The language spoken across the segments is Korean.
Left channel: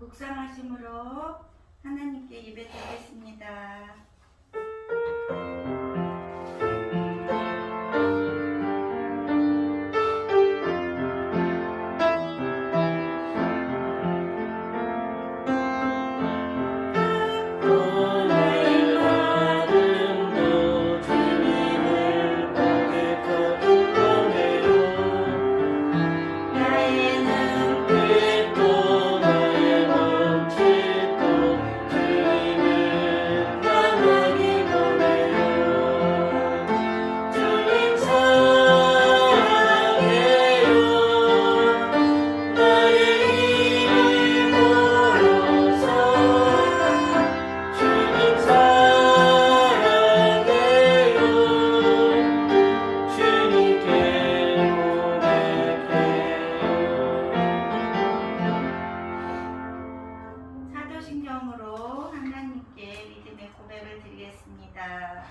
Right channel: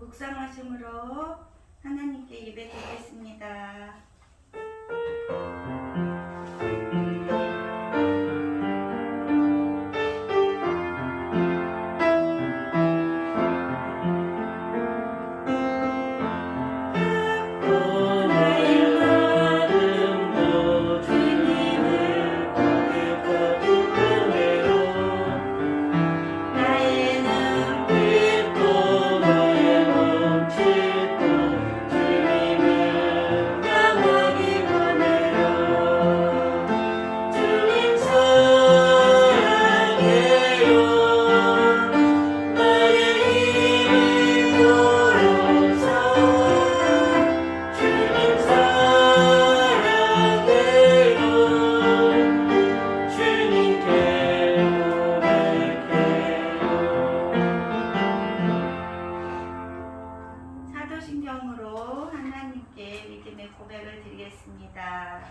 묵상하심으로 하나님께 예배드리겠습니다. 사도신경으로 하나님께 믿음의 고백을 드리겠습니다.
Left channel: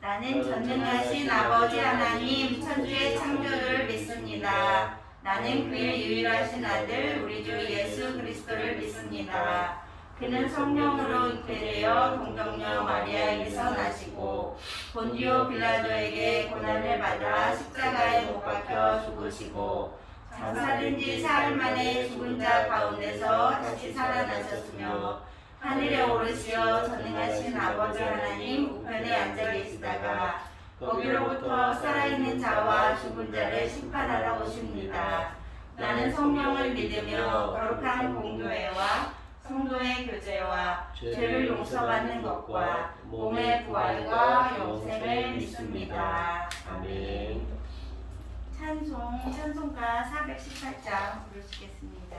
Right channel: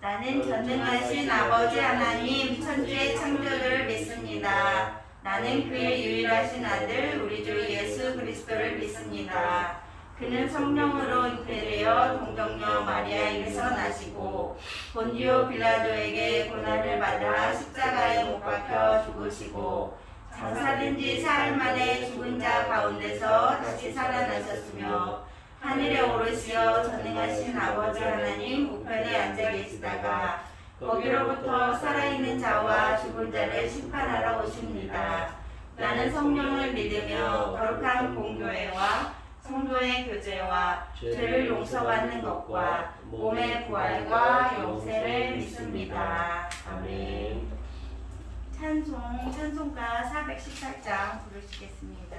나는 전능하신 아버지 하나님 천주의 창조주를 믿습니다. 나는 그의 유일하신 아들 우리 주 예수 그리스도를 믿습니다. 그는 성령으로 잉태되어 동정녀 마리아에게서 나시고 본디오 빌라도에게 고난을 받아 십자가에 못 박혀 죽으시고 장사된 지 사흘 만에 죽은 자 가운데서 다시 살아나셨으며 하늘에 오르시어 전능하신 아버지 하나님 우편에 앉아 계시다가 거기로부터 살아있는 자와 죽은 자를 심판하러 오십니다. 나는 성령을 믿으며 거룩한 공교회와 성도의 교제와 죄를 용서받는 것과 몸의 부활과 영생을 믿습니다. 아멘. 찬송가 418장 부르시겠습니다.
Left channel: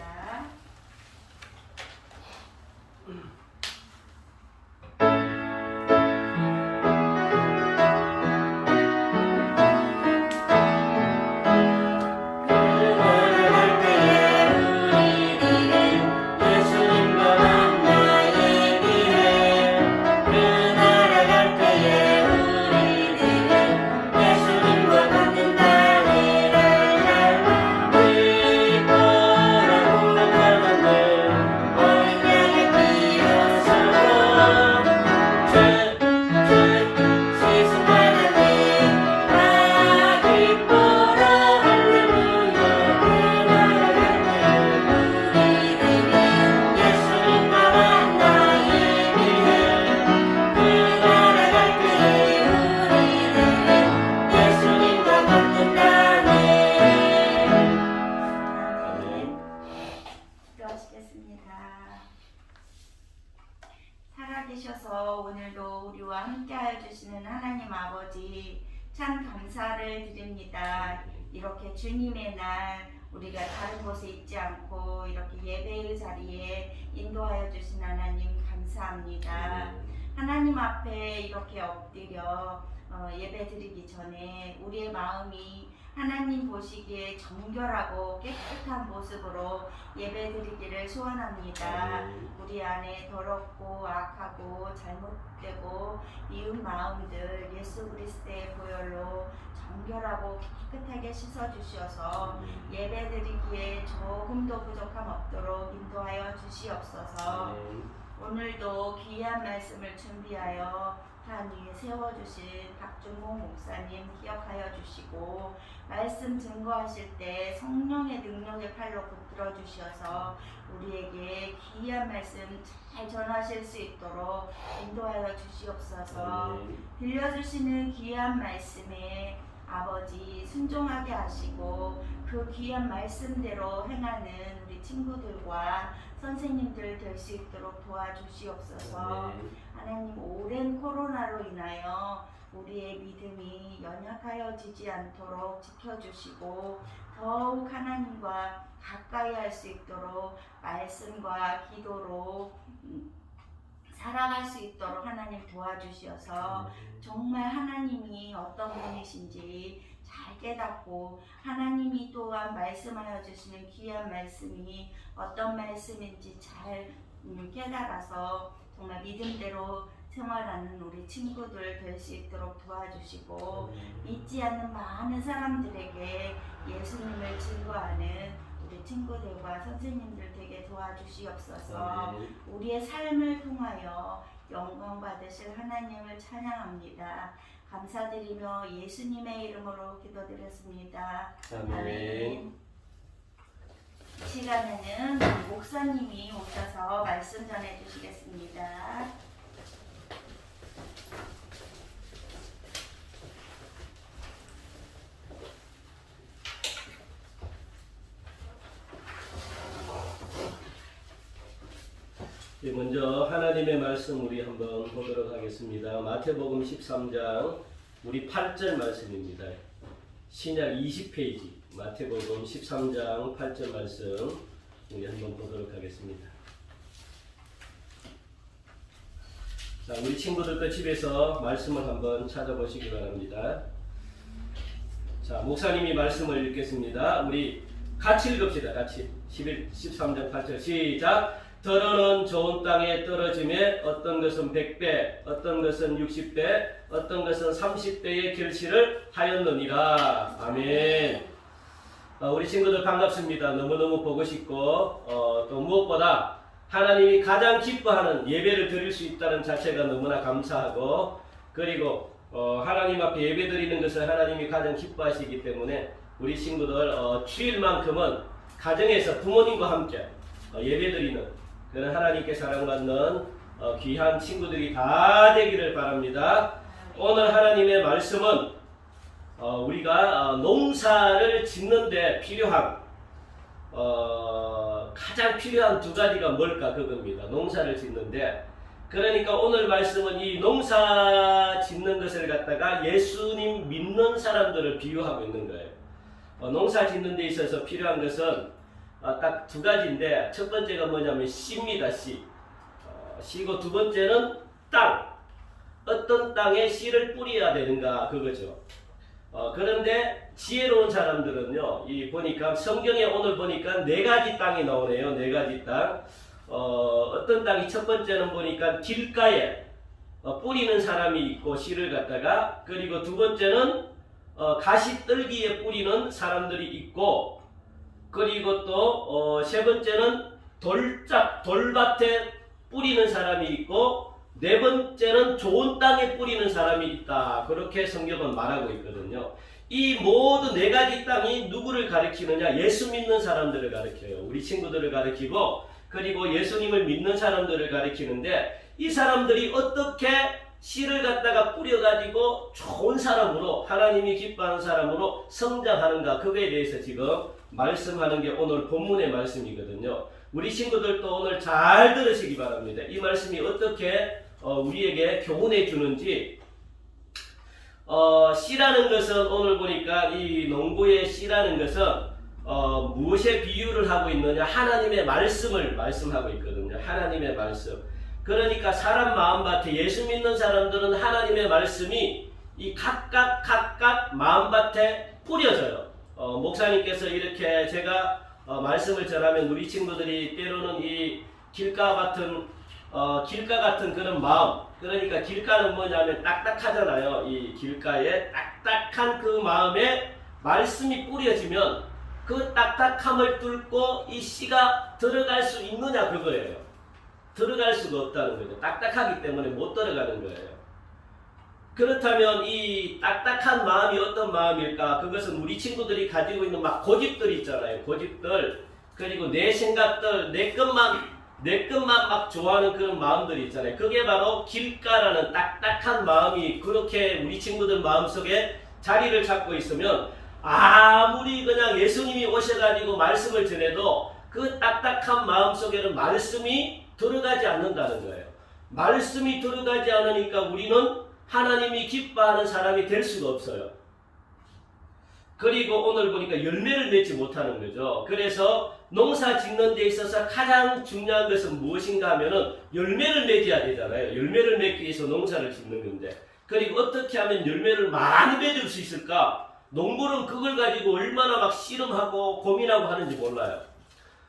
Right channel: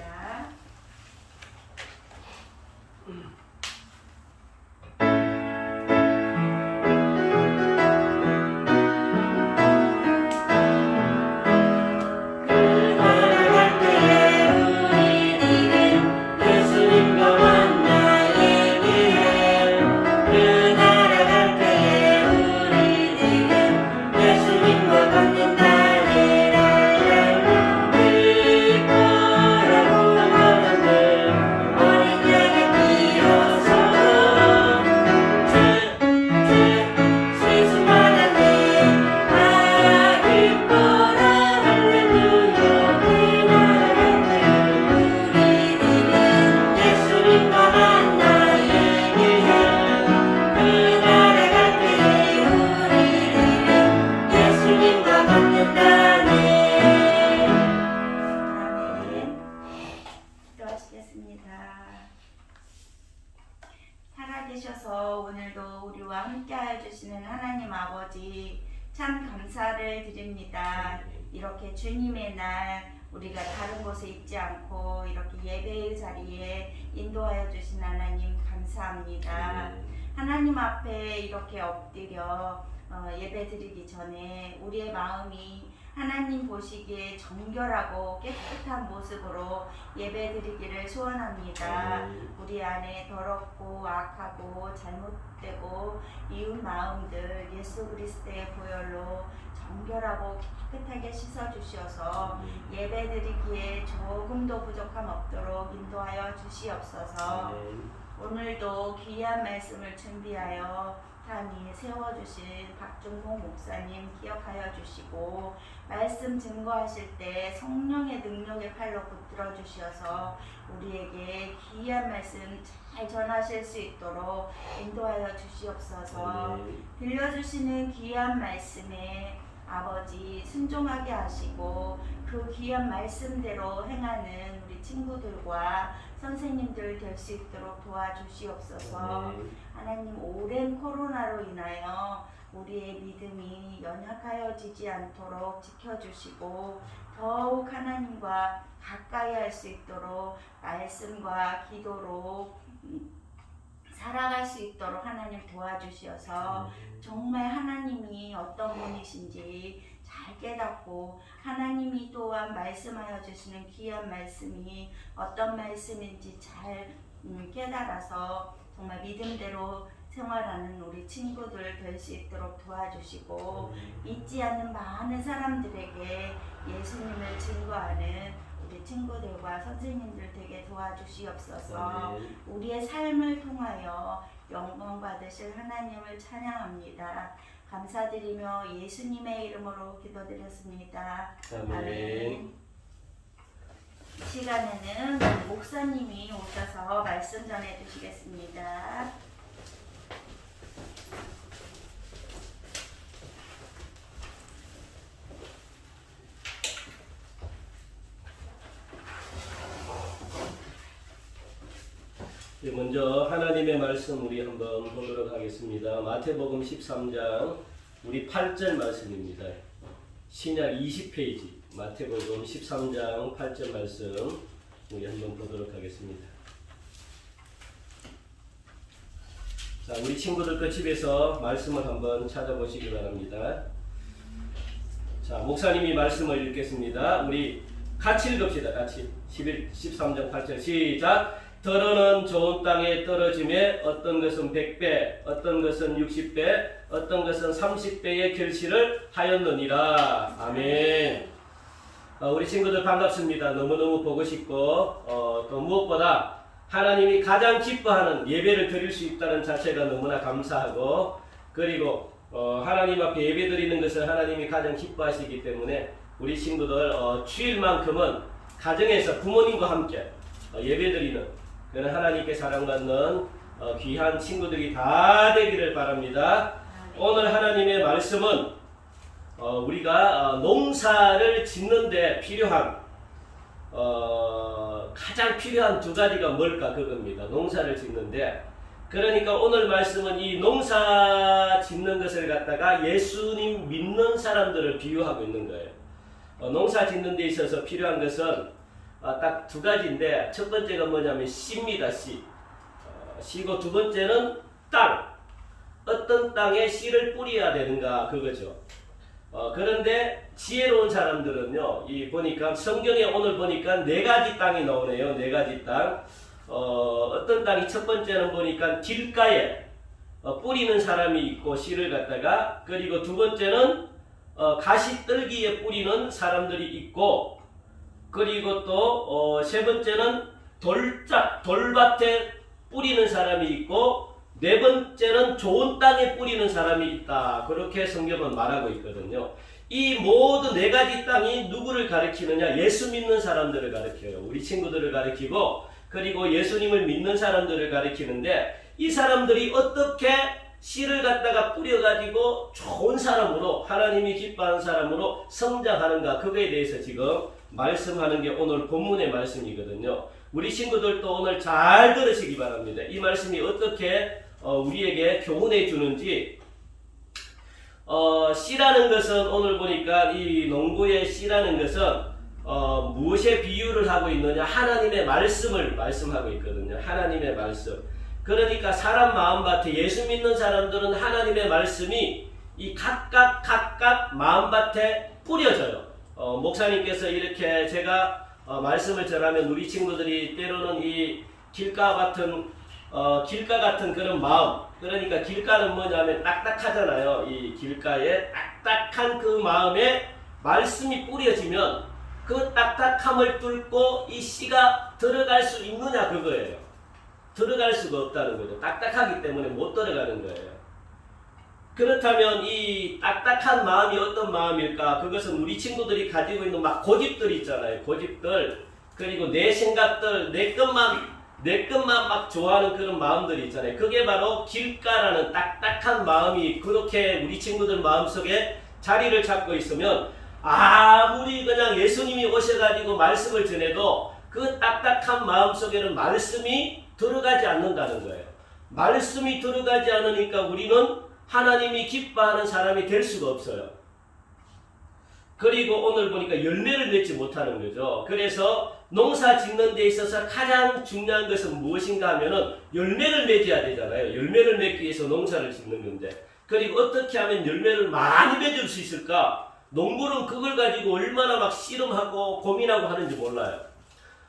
살아계셔서 오늘도 우리와 함께하여 주시는 하나님 아버지 참 감사를 드립니다. 이렇게 주님의 날 우리가 다른 곳에 있지 않고 이렇게 예배의 자리에 인도하여 주신 하나님 감사합니다. 하나님 앞에 이렇게 엎드려 예배 드리기 전에 우리의 마음이 하나님 보시기에 정결하고 깨끗한 모습으로 예배 드리기를 소원합니다. 우리 안에 더럽고 악하고 잘못되고 이웃 마음들 예수 그리스도의 보혈로 정결하고 깨끗하게 씻어주셔서 예배 드리기에 조금도 부족함 없도록 인도하여 주시옵소서. 오늘도 귀한 말씀을 준비하여 산 위에 세워주신 박준공 목사님 기억하여 주시고 말씀 증거하실 때 성령의 능력의 팔로 붙들어 주셔서 우리에게 귀한 말씀 잘 전하실 수 있도록 인도하여 주시옵소서. 들려주시는 귀한 말씀에 아버지 순종하게 하시고 그 귀한 말씀대로 행하는 우리 친구들과 선생님들 될 수 있도록 도와주시옵소서. 하나님 오랜 코로나로 인하여 우리의 믿음이 연약하여지지 않도록 지켜주시고 더욱 하나님과 가까이 할 수 있도록 말씀과 기도로 살아갈 수 있도록 하나님 도와주셔서 정말 하나님이 어떤 분이신지 잘 깨닫고 하나님이 또한 말씀하여 주시는 귀한 말씀이 어떤 말씀인지 잘 깨달아서 정말 믿음대로 생활하는 우리 친구들 될 수 있도록 도와주시고 믿지 않는 많은 사람들에게 예수님을 증거하는 우리 친구들과 선생님들 되게 도와주시옵소서. 아멘. 우리의 삶을 통하여 영광 받으실 하나님을 찬양합니다. 감사드리며 예수님의 이름으로 기도드렸습니다. 아멘. 이 시간에는 목사님이 오셔서 말씀 전해 주시겠습니다. 먼저 하나님의 말씀 우리 한번 보도록 하겠습니다. 마태복음 13장 우리 8절 말씀입니다. 신약 20페이지 마태복음 13장 8절 말씀 우리 한번 보도록 하겠습니다. 자, 우리 친구들 집에서 말씀을 한번 찾아보시기 바랍니다. 자, 목사님이 말씀을 읽겠습니다. 우리 같이 읽읍시다. 같이 13장 8절 시작. 더러는 좋은 땅에 떨어짐에 어떤 것은 100배, 어떤 것은 60배, 어떤 것은 30배의 결실을 하였느니라. 아멘. 우리 친구들 반갑습니다. 너무너무 보고 싶고 또 무엇보다 하나님이 가장 기뻐하는 예배를 드릴 수 있다는 자체가 너무나 감사하고, 그리고 하나님 앞에 예배 드리는 것을 하나님이 가장 기뻐하시기 때문에 우리 친구들 주일만큼은 가정에서 부모님과 함께 예배 드리는 그런 하나님께 사랑받는 귀한 친구들이 다 되기를 바랍니다. 오늘 하나님의 말씀은 우리가 농사를 짓는 데 필요한 가장 필요한 두 가지가 뭘까 그겁니다. 농사를 짓는데, 그러니까 오늘 말씀은 이 농사 짓는 것을 갖다가 예수님 믿는 사람들을 비유하고 있는 거예요. 농사 짓는 데 있어서 필요한 것은 딱 두 가지인데, 첫 번째가 뭐냐면 씨입니다. 씨. 씨고 두 번째는 땅. 어떤 땅에 씨를 뿌려야 되는가 그거죠. 그런데 지혜로운 사람들은요, 이 보니까 성경에 오늘 보니까 네 가지 땅이 나오네요. 네 가지 땅. 어떤 땅이 첫 번째는 보니까 길가에 뿌리는 사람이 있고 씨를 갖다가, 그리고 두 번째는 가시떨기에 뿌리는 사람들이 있고, 그리고 또 세 번째는 돌밭에 뿌리는 사람이 있고, 네 번째는 좋은 땅에 뿌리는 사람이 있다. 그렇게 성경은 말하고 있거든요. 이 모두 네 가지 땅이 누구를 가리키느냐? 예수 믿는 사람들을 가리켜요. 우리 친구들을 가리키고, 그리고 예수님을 믿는 사람들을 가리키는데, 이 사람들이 어떻게 씨를 갖다가 뿌려가지고 좋은 사람으로, 하나님이 기뻐하는 사람으로 성장하는가, 그거에 대해서 지금 말씀하는 게 오늘 본문의 말씀이거든요. 우리 친구들도 오늘 잘 들으시기 바랍니다. 이 말씀이 어떻게 우리에게 교훈해 주는지. 씨라는 것은 오늘 보니까 이 농부의 씨라는 것은 무엇에 비유를 하고 있느냐? 하나님의 말씀을 말씀하고 있거든요. 하나님의 말씀. 그러니까 사람 마음밭에, 예수 믿는 사람들은 하나님의 말씀이 이 각각 마음밭에 뿌려져요. 목사님께서 이렇게 제가 말씀을 전하면 우리 친구들이 때로는 이 길가 같은 그런 마음, 그러니까 길가는 뭐냐면 딱딱하잖아요. 이 길가에 딱딱한 그 마음에 말씀이 뿌려지면 그 딱딱함을 뚫고 이 씨가 들어갈 수 있느냐 그거예요. 들어갈 수가 없다는 거죠. 딱딱하기 때문에 못 들어가는 거예요. 그렇다면 이 딱딱한 마음이 어떤 마음일까? 그것은 우리 친구들이 가지고 있는 막 고집들 있잖아요. 고집들, 그리고 내 생각들, 내 것만 막 좋아하는 그런 마음들이 있잖아요. 그게 바로 길가라는 딱딱한 마음이 그렇게 우리 친구들 마음속에 자리를 잡고 있으면, 아무리 그냥 예수님이 오셔가지고 말씀을 전해도 그 딱딱한 마음속에는 말씀이 들어가지 않는다는 거예요. 말씀이 들어가지 않으니까 우리는 하나님이 기뻐하는 사람이 될 수가 없어요. 그리고 오늘 보니까 열매를 맺지 못하는 거죠. 그래서 농사 짓는 데 있어서 가장 중요한 것은 무엇인가 하면은 열매를 맺어야 되잖아요. 열매를 맺기 위해서 농사를 짓는 건데, 그리고 어떻게 하면 열매를 많이 맺을 수 있을까? 농부는 그걸 가지고 얼마나 막 씨름하고 고민하고 하는지 몰라요.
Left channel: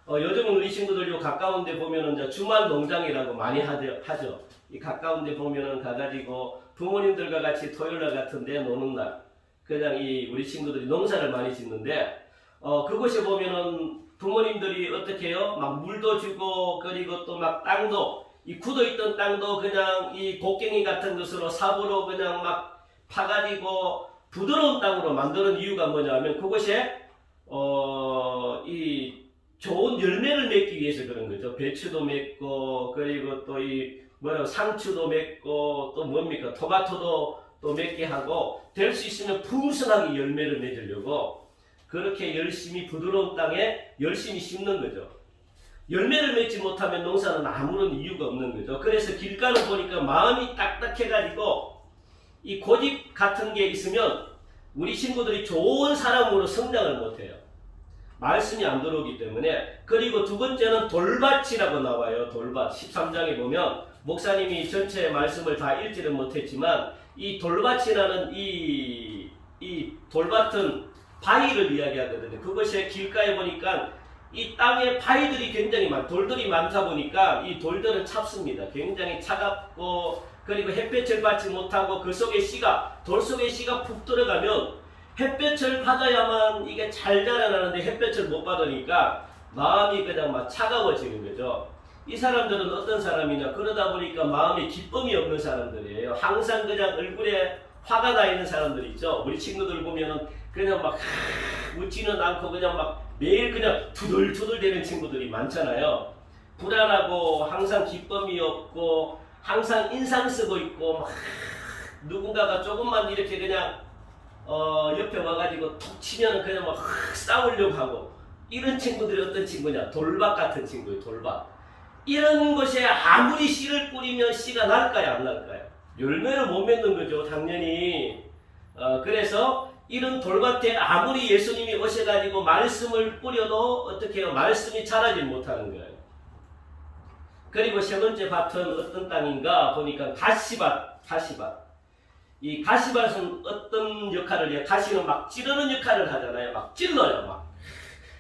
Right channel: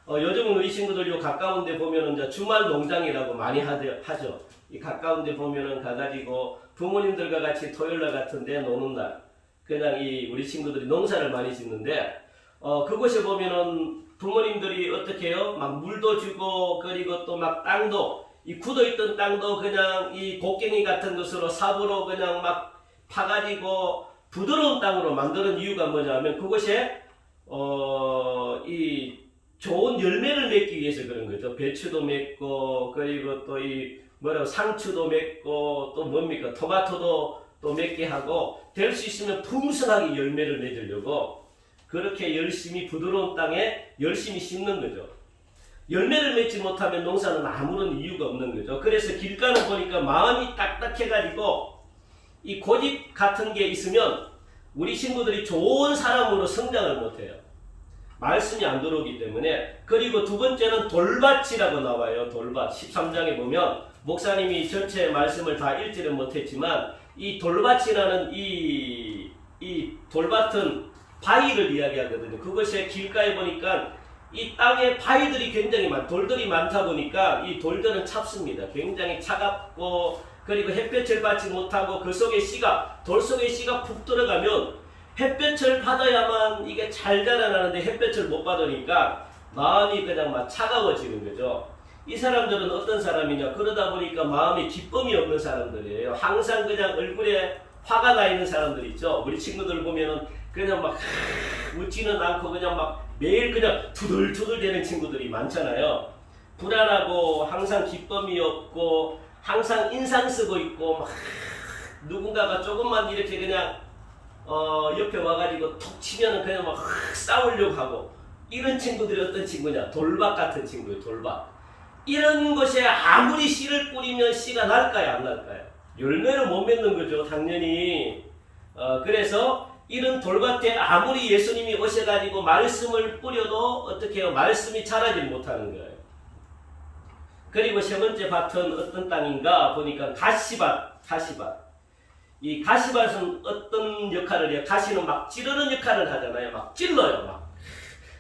요즘은 우리 친구들 요 가까운 데 보면은 이제 주말 농장이라고 많이 하죠. 이 가까운 데 보면은 가가지고 부모님들과 같이 토요일날 같은 데 노는 날, 그냥 이 우리 친구들이 농사를 많이 짓는데, 그곳에 보면은 부모님들이 어떻게 해요? 막 물도 주고 그리고 또 막 땅도 이 굳어있던 땅도 그냥 이 곡괭이 같은 것으로 삽으로 그냥 막 파가지고 부드러운 땅으로 만드는 이유가 뭐냐면 그것에 이 좋은 열매를 맺기 위해서 그런 거죠. 배추도 맺고 그리고 또 이 뭐라고 상추도 맺고 또 뭡니까 토마토도 또 맺게 하고 될 수 있으면 풍성하게 열매를 맺으려고 그렇게 열심히 부드러운 땅에 열심히 심는 거죠. 열매를 맺지 못하면 농사는 아무런 이유가 없는 거죠. 그래서 길가는 보니까 마음이 딱딱해가지고 이 고집 같은 게 있으면 우리 친구들이 좋은 사람으로 성장을 못해요. 말씀이 안 들어오기 때문에. 그리고 두 번째는 돌밭이라고 나와요. 돌밭 13장에 보면 목사님이 전체 말씀을 다 읽지는 못했지만 이 돌밭이라는 이 돌밭은 바위를 이야기하거든요. 그것이 길가에 보니까 이 땅에 바위들이 굉장히 돌들이 많다 보니까 이 돌들은 찹습니다. 굉장히 차갑고 그리고 햇볕을 받지 못하고 그 속에 돌 속에 씨가 푹 들어가면 햇볕을 받아야만 이게 잘 자라나는데 햇볕을 못 받으니까 마음이 그냥 막 차가워지는 거죠. 이 사람들은 어떤 사람이냐? 그러다 보니까 마음에 기쁨이 없는 사람들이에요. 항상 그냥 얼굴에 화가 나 있는 사람들 있죠. 우리 친구들 보면은 그냥 막 웃지는 않고 그냥 막 매일 그냥 투덜투덜 되는 친구들이 많잖아요. 불안하고 항상 기쁨이 없고 항상 인상 쓰고 있고 막 누군가가 조금만 이렇게 그냥 옆에 와가지고 톡 치면은 그냥 막 싸우려고 하고 이런 친구들이 어떤 친구냐? 돌밭 같은 친구예요. 돌밭. 이런 것에 아무리 씨를 뿌리면 씨가 날까요? 안 날까요? 열매를 못 맺는 거죠. 당연히. 그래서 이런 돌밭에 아무리 예수님이 오셔가지고 말씀을 뿌려도 어떻게 해요? 말씀이 자라지 못하는 거예요. 그리고 세 번째 밭은 어떤 땅인가 보니까 가시밭. 이 가시밭은 어떤 역할을 해요? 가시는 막 찌르는 역할을 하잖아요. 막 찔러요. 막.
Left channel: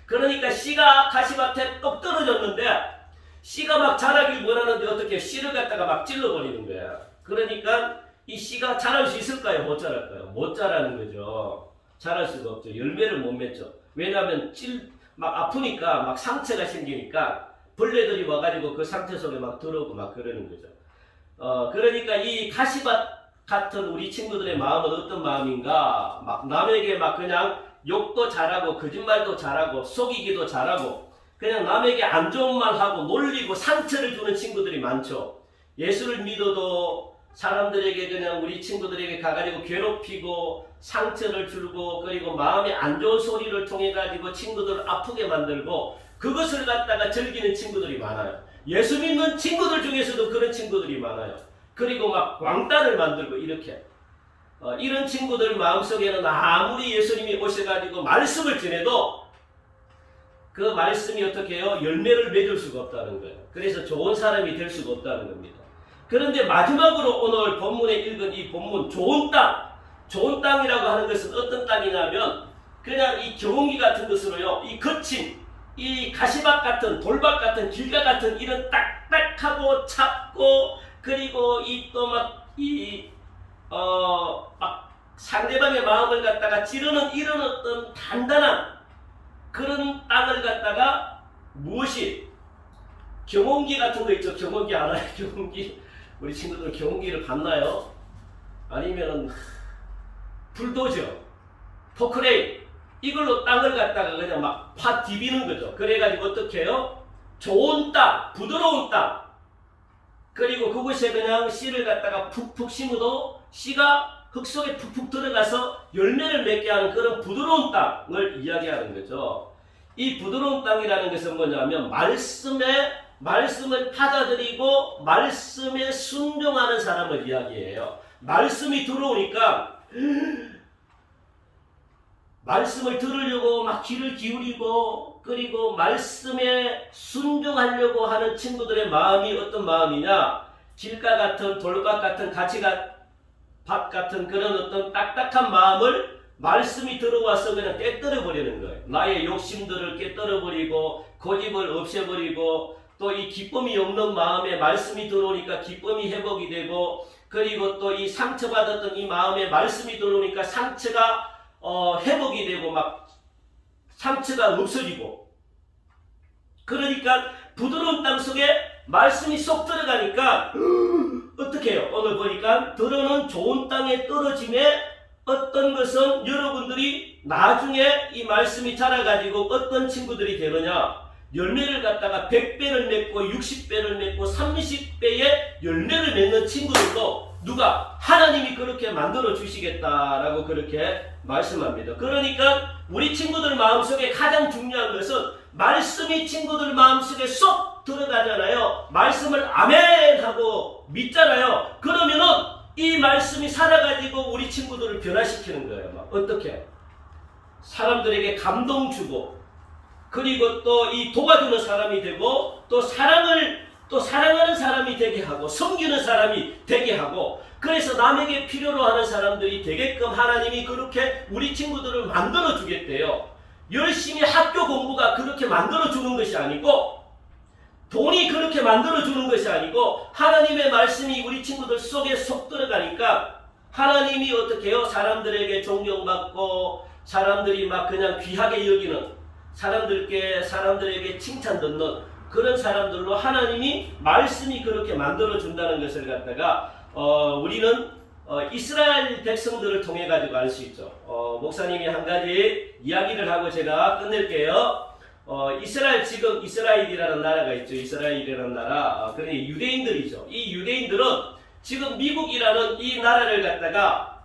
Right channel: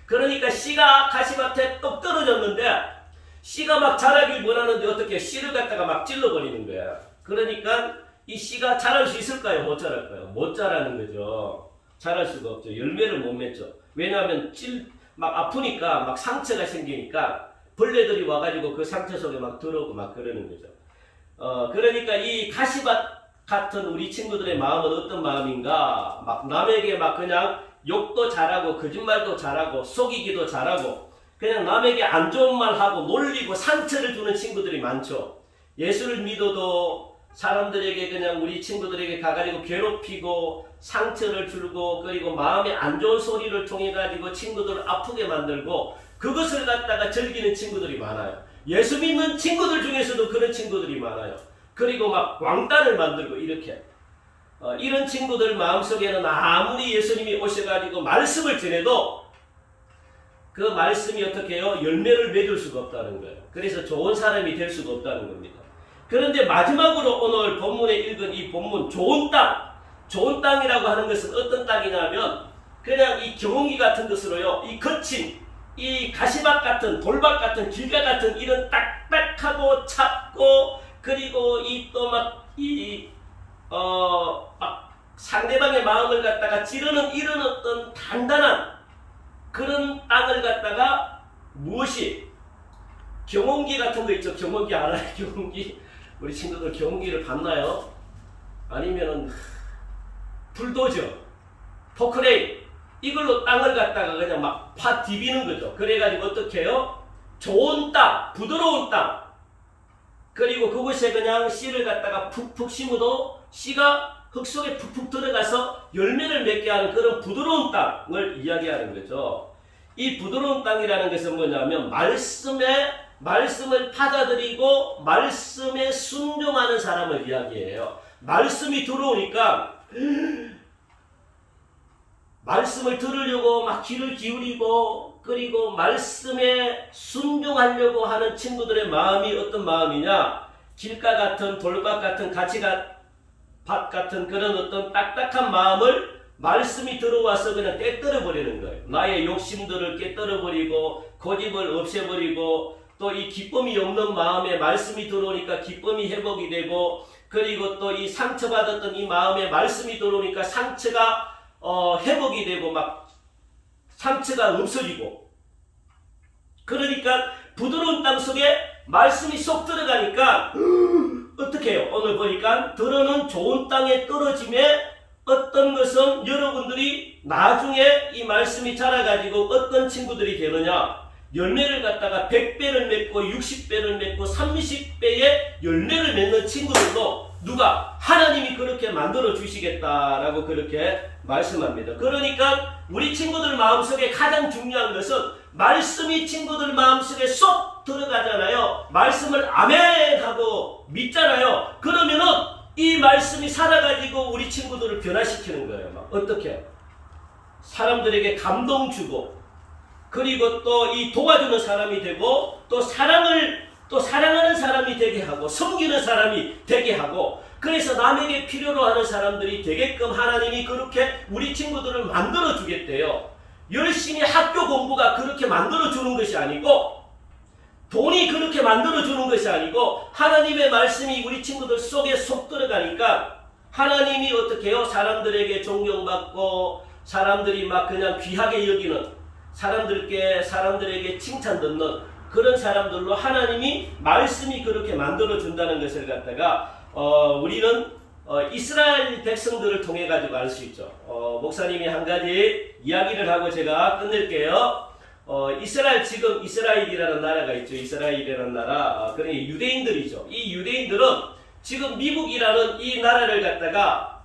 그러니까 씨가 가시밭에 똑 떨어졌는데 씨가 막 자라길 원하는데 어떻게 해요? 씨를 갖다가 막 찔러버리는 거야. 그러니까 이 씨가 자랄 수 있을까요? 못 자랄까요? 못 자라는 거죠. 자랄 수가 없죠. 열매를 못 맺죠. 왜냐하면 막 아프니까 막 상처가 생기니까 벌레들이 와가지고 그 상처 속에 막 들어오고 막 그러는 거죠. 그러니까 이 가시밭 같은 우리 친구들의 마음은 어떤 마음인가? 막 남에게 막 그냥 욕도 잘하고 거짓말도 잘하고 속이기도 잘하고 그냥 남에게 안 좋은 말 하고 놀리고 상처를 주는 친구들이 많죠. 예수를 믿어도 사람들에게 그냥 우리 친구들에게 가가지고 괴롭히고 상처를 주고 그리고 마음에 안 좋은 소리를 통해 가지고 친구들을 아프게 만들고 그것을 갖다가 즐기는 친구들이 많아요. 예수 믿는 친구들 중에서도 그런 친구들이 많아요. 그리고 막 왕따를 만들고 이렇게 이런 친구들 마음속에는 아무리 예수님이 오셔가지고 말씀을 전해도 그 말씀이 어떻게 해요? 열매를 맺을 수가 없다는 거예요. 그래서 좋은 사람이 될 수가 없다는 겁니다. 그런데 마지막으로 오늘 본문에 읽은 이 본문 좋은 땅이라고 하는 것은 어떤 땅이냐면 그냥 이 경운기 같은 것으로요. 이 거친 이 가시밭 같은 돌밭 같은 길가 같은 이런 딱딱하고 찹고 그리고 이 또 막 상대방의 마음을 갖다가 찌르는 이런 어떤 단단한 그런 땅을 갖다가 무엇이 경운기 같은 거 있죠. 경운기 알아요? 경운기 우리 친구들 경운기를 봤나요? 아니면 불도저, 포크레인 이걸로 땅을 갖다가 그냥 막 파 디비는 거죠. 그래가지고 어떻게 해요? 좋은 땅, 부드러운 땅 그리고 그곳에 그냥 씨를 갖다가 푹푹 심어도 씨가 흙 속에 푹푹 들어가서 열매를 맺게 하는 그런 부드러운 땅을 이야기하는 거죠. 이 부드러운 땅이라는 것은 뭐냐면 말씀을 받아들이고 말씀에 순종하는 사람을 이야기해요. 말씀이 들어오니까 말씀을 들으려고 막 귀를 기울이고 그리고 말씀에 순종하려고 하는 친구들의 마음이 어떤 마음이냐? 길가 같은 돌밭 같은 밭 같은 그런 어떤 딱딱한 마음을 말씀이 들어와서 그냥 깨뜨려 버리는 거예요. 나의 욕심들을 깨뜨려 버리고 고집을 없애버리고 또 이 기쁨이 없는 마음에 말씀이 들어오니까 기쁨이 회복이 되고 그리고 또 이 상처받았던 이 마음에 말씀이 들어오니까 상처가 회복이 되고 막 상처가 없어지고, 그러니까 부드러운 땅 속에 말씀이 쏙 들어가니까 어떻게 해요? 오늘 보니까 들어는 좋은 땅에 떨어짐에 어떤 것은 여러분들이 나중에 이 말씀이 자라가지고 어떤 친구들이 되느냐, 열매를 갖다가 100배를 맺고 60배를 맺고 30배의 열매를 맺는 친구들도 누가? 하나님이 그렇게 만들어 주시겠다라고 그렇게 말씀합니다. 그러니까 우리 친구들 마음속에 가장 중요한 것은 말씀이 친구들 마음속에 쏙 들어가잖아요. 말씀을 아멘 하고 믿잖아요. 그러면은 이 말씀이 살아가지고 우리 친구들을 변화시키는 거예요. 막 어떻게 해요? 사람들에게 감동 주고, 그리고 또 이 도와주는 사람이 되고, 또 사랑하는 사람이 되게 하고, 섬기는 사람이 되게 하고, 그래서 남에게 필요로 하는 사람들이 되게끔 하나님이 그렇게 우리 친구들을 만들어 주겠대요. 열심히 학교 공부가 그렇게 만들어 주는 것이 아니고, 돈이 그렇게 만들어 주는 것이 아니고, 하나님의 말씀이 우리 친구들 속에 쏙 들어가니까 하나님이 어떻게 해요? 사람들에게 존경받고, 사람들이 막 그냥 귀하게 여기는, 사람들에게 칭찬 듣는 그런 사람들로 하나님이 말씀이 그렇게 만들어 준다는 것을 갖다가 우리는 이스라엘 백성들을 통해 가지고 알 수 있죠. 목사님이 한 가지 이야기를 하고 제가 끝낼게요. 지금 이스라엘이라는 나라가 있죠. 이스라엘이라는 나라. 그러니 유대인들이죠. 이 유대인들은 지금 미국이라는 이 나라를 갖다가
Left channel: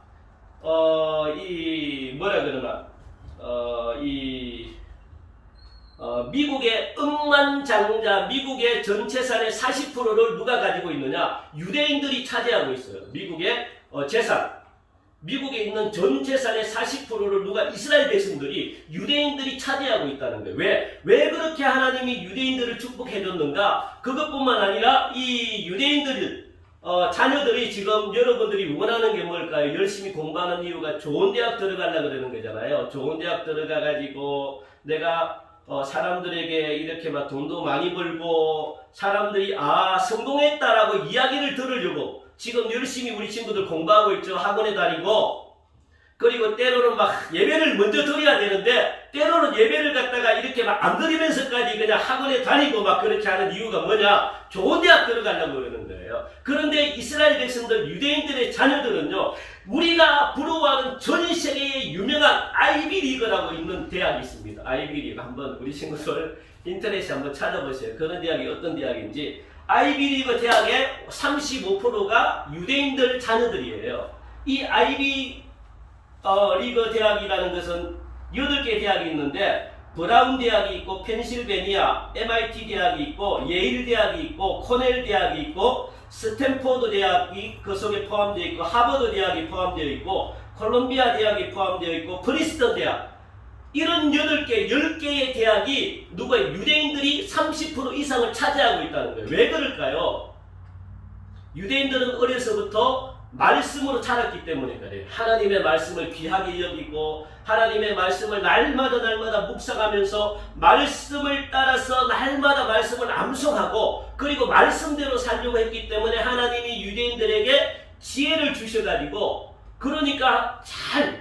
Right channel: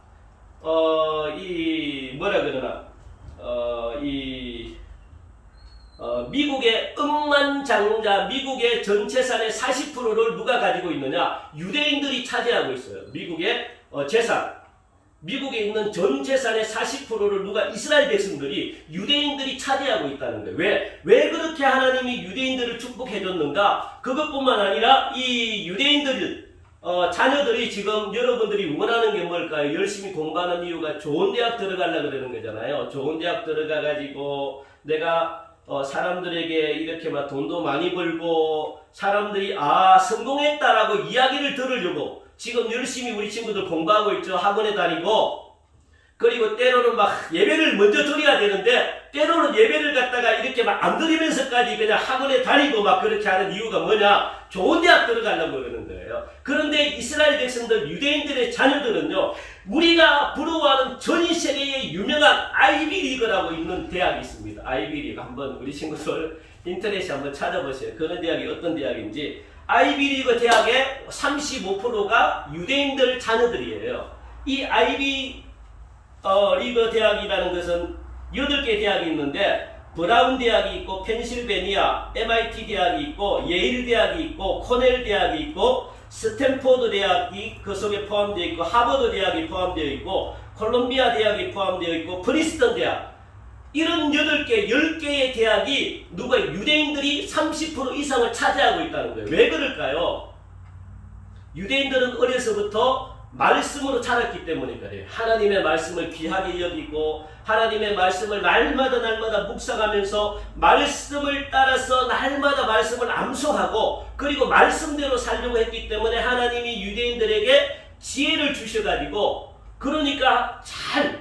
미국의 억만장자, 미국의 전 재산의 40%를 누가 가지고 있느냐? 유대인들이 차지하고 있어요. 미국의 재산. 미국에 있는 전 재산의 40%를 누가? 이스라엘 백성들이, 유대인들이 차지하고 있다는 거예요. 왜 그렇게 하나님이 유대인들을 축복해 줬는가? 그것뿐만 아니라 이 유대인들 자녀들이 지금 여러분들이 원하는 게 뭘까요? 열심히 공부하는 이유가 좋은 대학 들어가려고 그러는 거잖아요. 좋은 대학 들어가가지고 내가 사람들에게 이렇게 막 돈도 많이 벌고, 사람들이 성공했다라고 이야기를 들으려고 지금 열심히 우리 친구들 공부하고 있죠. 학원에 다니고, 그리고 때로는 막 예배를 먼저 드려야 되는데, 때로는 예배를 갖다가 이렇게 막 안 드리면서까지 그냥 학원에 다니고 막 그렇게 하는 이유가 뭐냐? 좋은 대학 들어가려고 그러는 거예요. 그런데 이스라엘 백성들, 유대인들의 자녀들은요, 우리가 부러워하는 전 세계의 유명한 아이비리그라고 있는 대학이 있습니다. 아이비리그. 한번 우리 친구들 인터넷에 한번 찾아보세요. 그런 대학이 어떤 대학인지. 아이비리그 대학의 35%가 유대인들 자녀들이에요. 이 아이비리그 대학이라는 것은 8개 대학이 있는데, 브라운 대학이 있고, 펜실베니아, MIT 대학이 있고, 예일 대학이 있고, 코넬 대학이 있고, 스탠포드 대학이 그 속에 포함되어 있고, 하버드 대학이 포함되어 있고, 콜롬비아 대학이 포함되어 있고, 프린스턴 대학. 이런 8개, 10개의 대학이 유대인들이 30% 이상을 차지하고 있다는 거예요. 왜 그럴까요? 유대인들은 어려서부터 말씀으로 자랐기 때문에 그래요. 하나님의 말씀을 귀하게 여기고, 하나님의 말씀을 날마다 묵상하면서 말씀을 따라서 날마다 말씀을 암송하고, 그리고 말씀대로 살려고 했기 때문에 하나님이 유대인들에게 지혜를 주셔가지고, 그러니까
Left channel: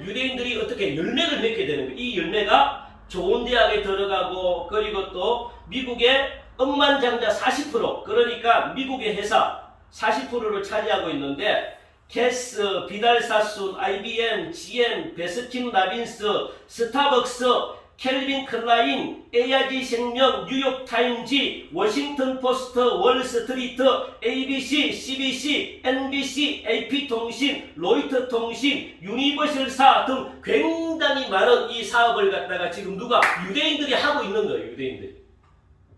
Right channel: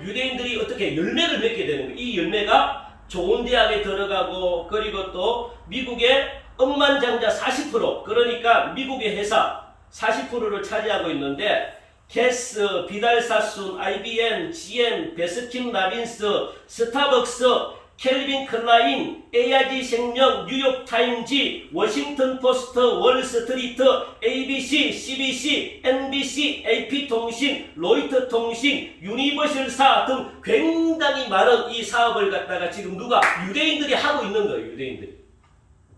유대인들이 어떻게 열매를 맺게 되는 거예요. 이 열매가 좋은 대학에 들어가고, 그리고 또 미국의 억만장자 40%, 그러니까 미국의 회사 40%를 차지하고 있는데, 게스, 비달사순, IBM, GM, 베스킨 라빈스, 스타벅스, 켈빈 클라인, AIG 생명, 뉴욕타임즈, 워싱턴 포스트, 월스트리트, ABC, CBC, NBC, AP통신, 로이터 통신, 유니버셜사 등 굉장히 많은 이 사업을 갖다가 지금 유대인들이 하고 있는 거예요. 유대인들이.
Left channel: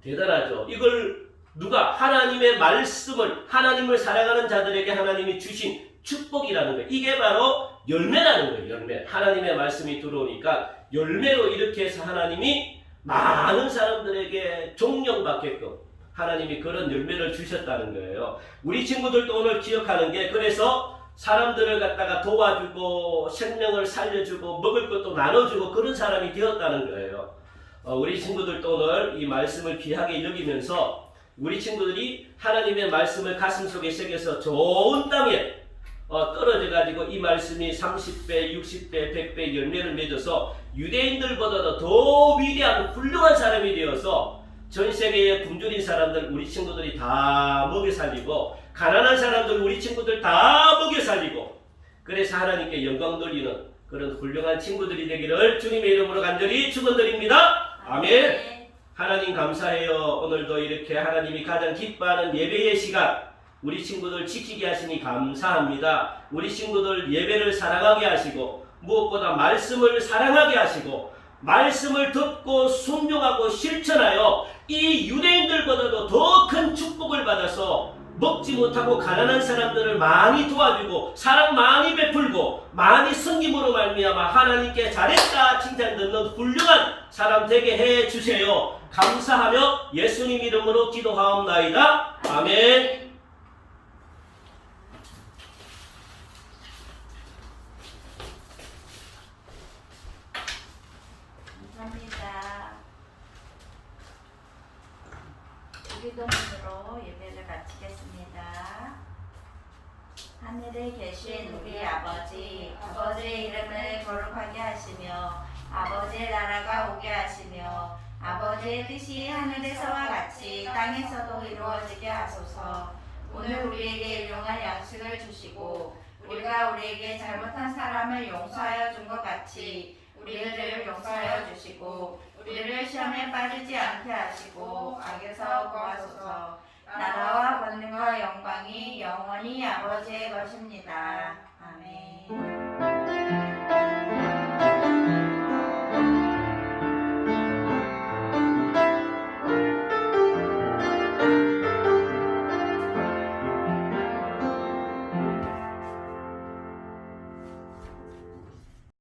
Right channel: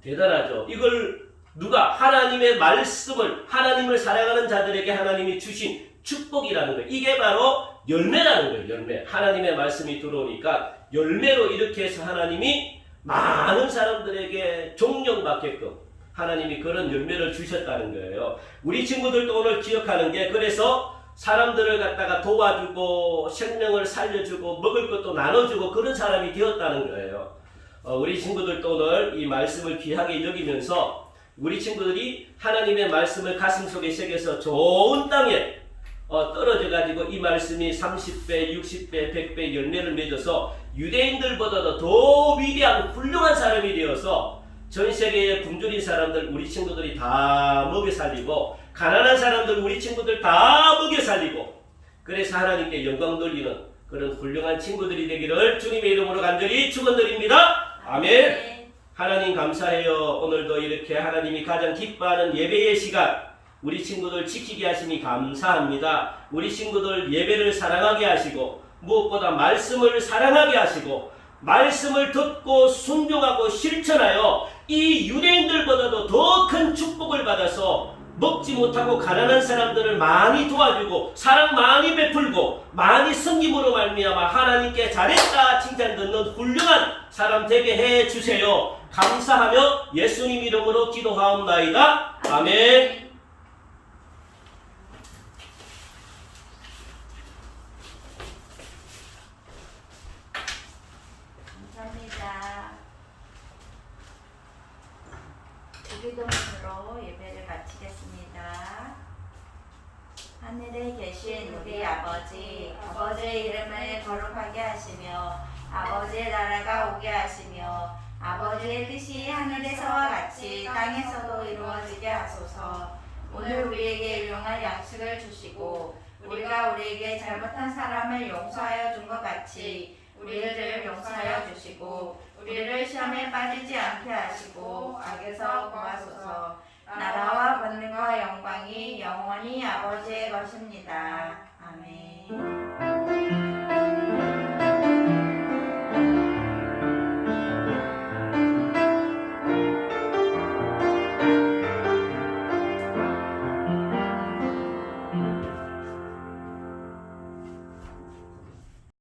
대단하죠. 이걸 하나님의 말씀을, 하나님을 사랑하는 자들에게 하나님이 주신 축복이라는 거예요. 이게 바로 열매라는 거예요. 열매. 하나님의 말씀이 들어오니까 열매로 이렇게 해서 하나님이 많은 사람들에게 존경받게끔 하나님이 그런 열매를 주셨다는 거예요. 우리 친구들도 오늘 기억하는 게, 그래서 사람들을 갖다가 도와주고 생명을 살려주고 먹을 것도 나눠주고 그런 사람이 되었다는 거예요. 우리 친구들도 오늘 이 말씀을 귀하게 여기면서 우리 친구들이 하나님의 말씀을 가슴속에 새겨서 좋은 땅에 떨어져 가지고 이 말씀이 30배, 60배, 100배 열매를 맺어서 유대인들보다도 더 위대한 훌륭한 사람이 되어서 전 세계의 굶주린 사람들 우리 친구들이 다 먹여 살리고 가난한 사람들 우리 친구들 다 먹여 살리고 그래서 하나님께 영광 돌리는 그런 훌륭한 친구들이 되기를 주님의 이름으로 간절히 축원드립니다. 아멘. 하나님 감사해요. 오늘도 이렇게 하나님이 가장 기뻐하는 예배의 시간 우리 친구들 지키게 하시니 감사합니다. 우리 친구들 예배를 사랑하게 하시고 무엇보다 말씀을 사랑하게 하시고 말씀을 듣고 순종하고 실천하여 이 유대인들보다도 더 큰 축복을 받아서 먹지 못하고 가난한 사람들을 많이 도와주고 사랑 많이 베풀고 많이 섬김으로 말미암아 하나님께 잘했다 칭찬 듣는 훌륭한 사람 되게 해 주세요. 감사하며 예수님 이름으로 기도하옵나이다. 아멘. 감사합니다. 기도문으로 예배를 마치겠습니다. 하늘에 계신 우리 아버지, 아버지의 이름을 거룩하게 하시며 아버지의 나라가 오게 하시며 아버지의 뜻이 하늘에서와 같이 땅에서도 이루어지게 하소서. 오늘 우리에게 일용할 양식을 주시고 우리가 우리에게 잘못한 사람을 용서하여 준 것 같이 우리의 죄를 용서하여 주시고 우리를 시험에 빠지지 않게 하시고 악에서 구하소서. 나라와 권능과 영광이 영원히 아버지의 것입니다.